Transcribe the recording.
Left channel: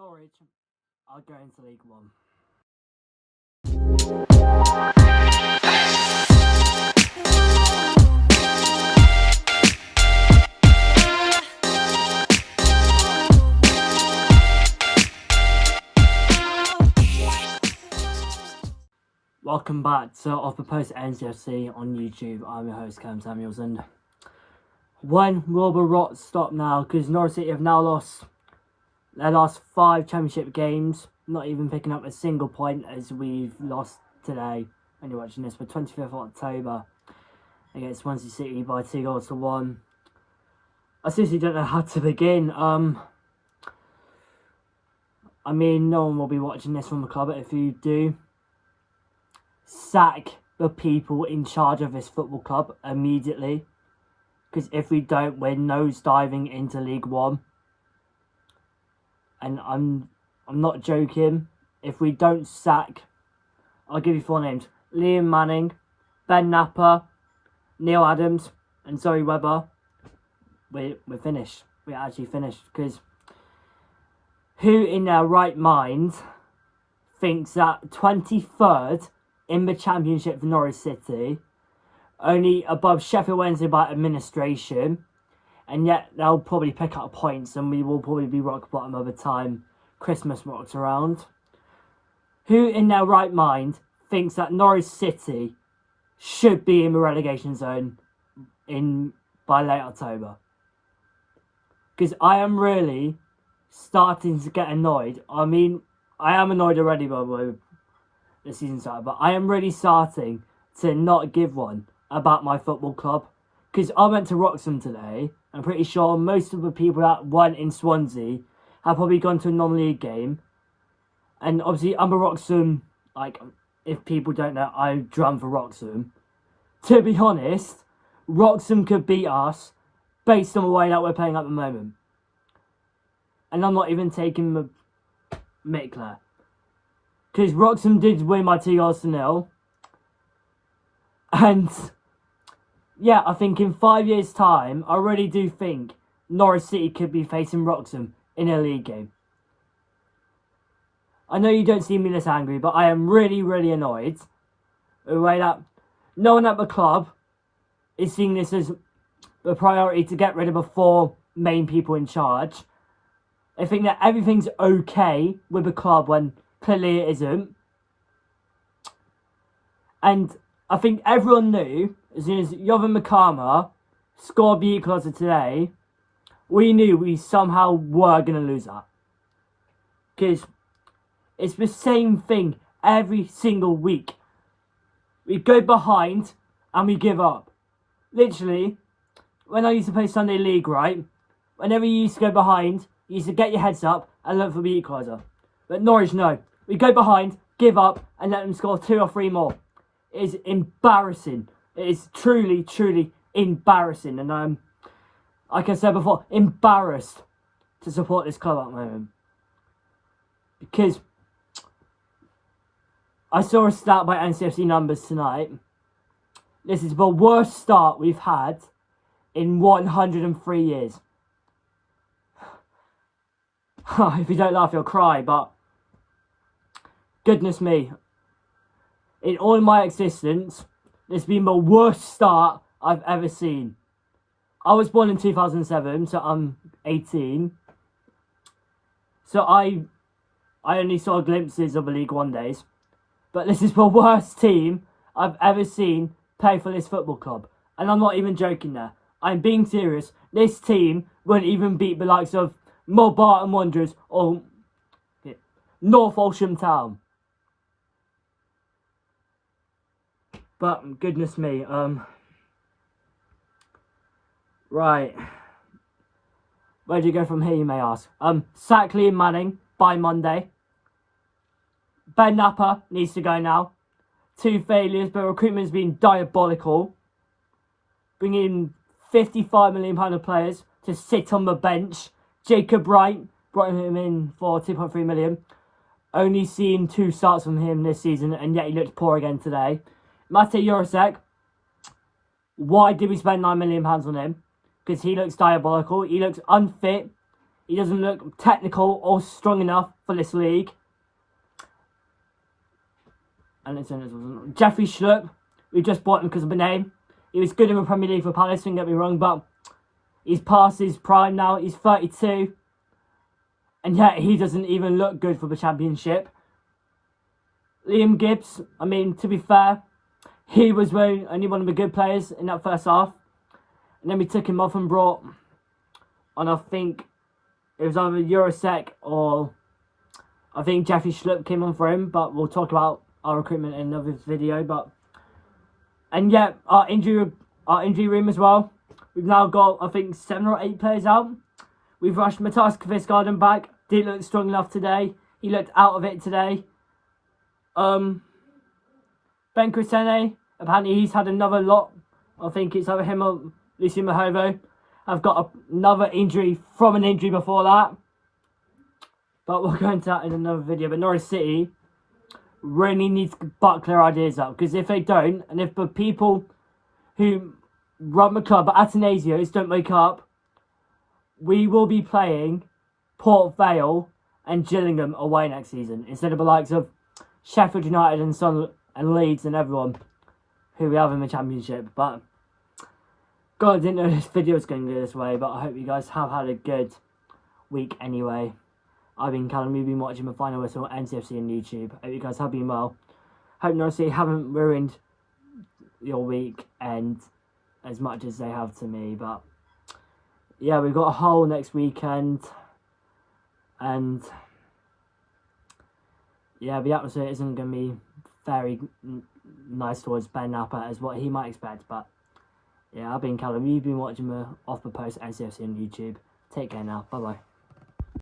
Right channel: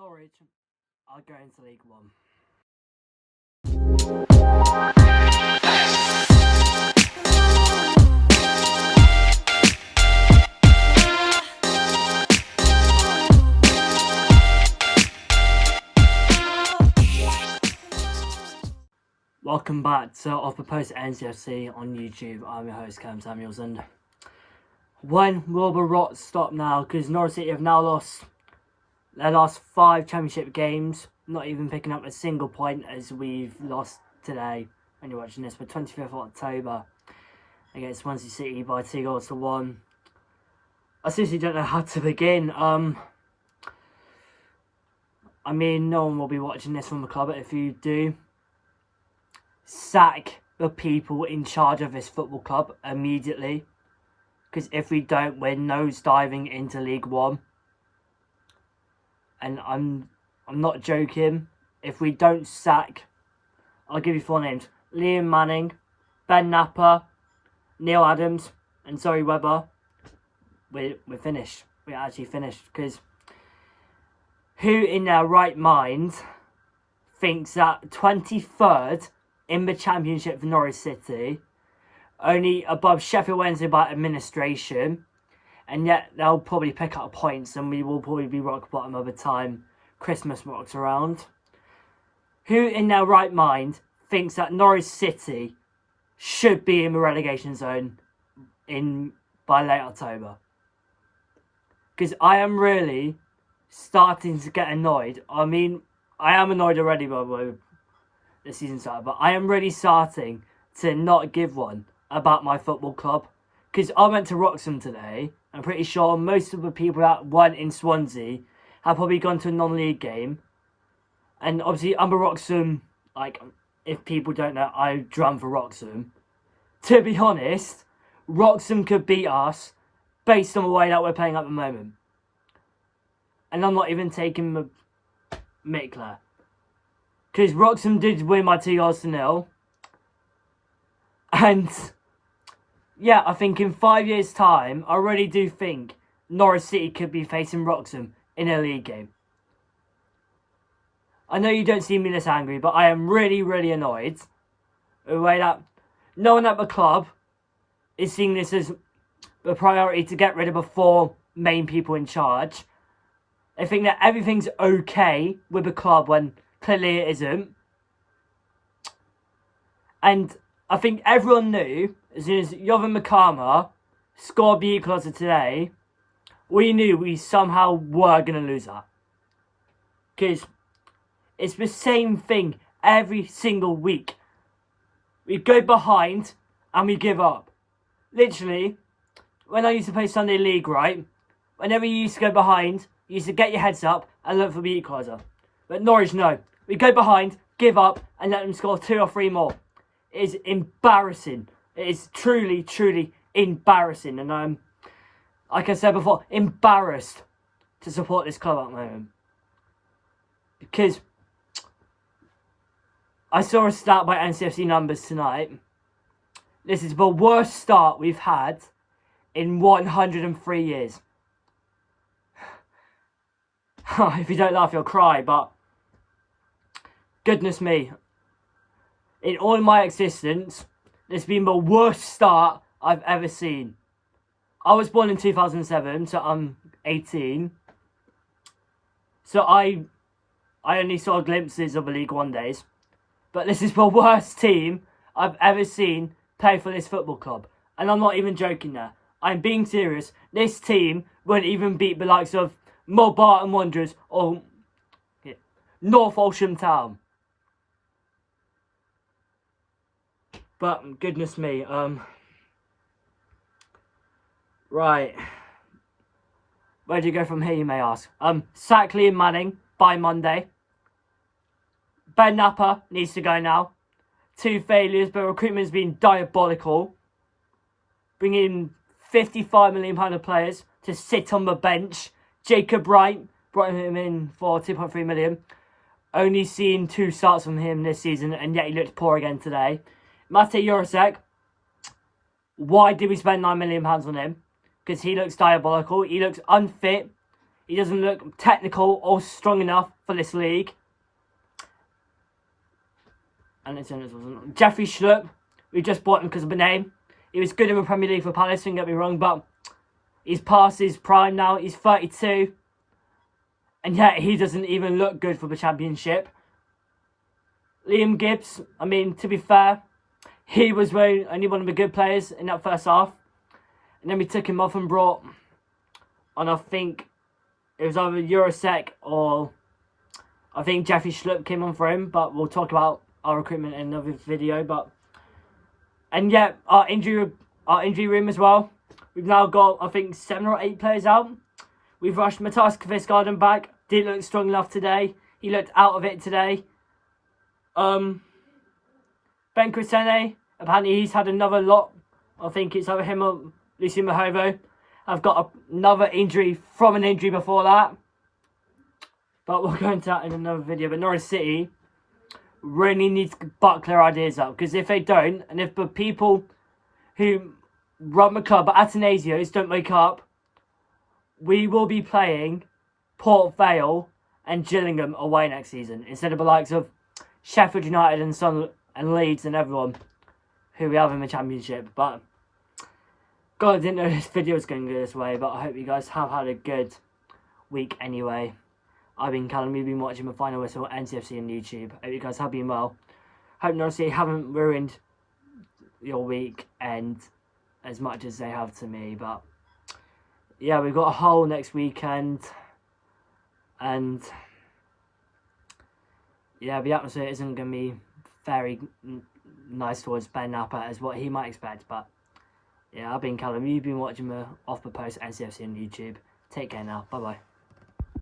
Norwich are going to League One. Welcome back to Off the Post NCFC on YouTube. I'm your host Cam Samuels, and when will the rot stop now? Because Norwich City have now lost their last 5 championship games, not even picking up a single point, as we've lost today when you're watching this, for 25th of October against Swansea City by 2-1. I seriously don't know how to begin. I mean, no one will be watching this from the club, but if you do, sack the people in charge of this football club immediately. Because if we don't, we're nosediving into League One. And I'm not joking. If we don't sack, I'll give you 4 names: Liam Manning, Ben Napper, Neil Adams, and Zoe Webber. We're finished. We're actually finished. Because who in their right mind thinks that 23rd in the Championship for Norwich City, only above Sheffield Wednesday by administration, and yet they'll probably pick up points and we will probably be rock bottom by the time Christmas rocks around? Who in their right mind thinks that Norwich City should be in the relegation zone by late October? Because I am really starting to get annoyed. I mean, I am annoyed already by the way the season started, but I am really starting to not give one about my football club. Because I went to Wroxham today. I'm pretty sure most of the people that won in Swansea have probably gone to a non-league game. And obviously, I'm a Wroxham, like, if people don't know, I drum for Wroxham. To be honest, Wroxham could beat us based on the way that we're playing at the moment. And I'm not even taking the mick there. Because Wroxham did win by 2-0. And yeah, I think in 5 years' time, I really do think Norwich City could be facing Wroxham in a league game. I know you don't see me this angry, but I am really, really annoyed with the way that no one at the club is seeing this as the priority to get rid of the 4 main people in charge. They think that everything's okay with the club when clearly it isn't. And I think everyone knew, as soon as Jovan Makama scored the equaliser today, we knew we somehow were going to lose that. Because it's the same thing every single week. We go behind and we give up. Literally, when I used to play Sunday League, right? Whenever you used to go behind, you used to get your heads up and look for the equaliser. But Norwich, no. We go behind, give up, and let them score 2 or 3 more. It is embarrassing. It is truly, truly embarrassing. And I'm, like I said before, embarrassed to support this club at the moment. Because I saw a stat by NCFC numbers tonight. This is the worst start we've had in 103 years. If you don't laugh, you'll cry, but goodness me. In all of my existence, this has been the worst start I've ever seen. I was born in 2007, so I'm 18. So I only saw glimpses of the League One days. But this is the worst team I've ever seen play for this football club. And I'm not even joking there. I'm being serious. This team wouldn't even beat the likes of Barton Wanderers or North Oldham Town. But goodness me, right. Where do you go from here, you may ask? Sack Liam Manning by Monday. Ben Napper needs to go now. 2 failures, but recruitment's been diabolical. Bringing £55 million of players to sit on the bench. Jacob Wright brought him in for 2.3 million. Only seen 2 starts from him this season, and yet he looked poor again today. Mate Jurasek, why did we spend £9 million on him? Because he looks diabolical. He looks unfit. He doesn't look technical or strong enough for this league. And it's Jeffrey Schlupp. We just bought him because of the name. He was good in the Premier League for Palace, don't get me wrong, but he's past his prime now. He's 32. And yet he doesn't even look good for the Championship. Liam Gibbs, I mean, to be fair, he was only one of the good players in that first half. And then we took him off and brought on, I think, it was either Eurosec or I think Jeffrey Schlupp came on for him. But we'll talk about our recruitment in another video. And yeah, our injury room as well. We've now got, I think, 7 or 8 players out. We've rushed Matas Kvistgarden back. Didn't look strong enough today. He looked out of it today. Ben Crisene, apparently he's had another lot. I think it's over him or Lucy Mahovo. I've got another injury from an injury before that. But we'll go into that in another video. But Norwich City really needs to buck their ideas up. Because if they don't, and if the people who run the club at Atanasios don't wake up, we will be playing Port Vale and Gillingham away next season. Instead of the likes of Sheffield United and Sunderland and Leeds and everyone who we have in the Championship. But God, I didn't know this video was going to go this way, but I hope you guys have had a good week anyway. I've been Callum, you've been watching the Final Whistle NCFC on YouTube. Hope you guys have been well. Hope Norwich City haven't ruined your week and as much as they have to me. But yeah, we've got a Hull next weekend. And yeah, the atmosphere isn't going to be very nice towards Ben Napper as what he might expect. But yeah, I've been Callum. You've been watching the Off the Post NCFC on YouTube. Take care now. Bye-bye.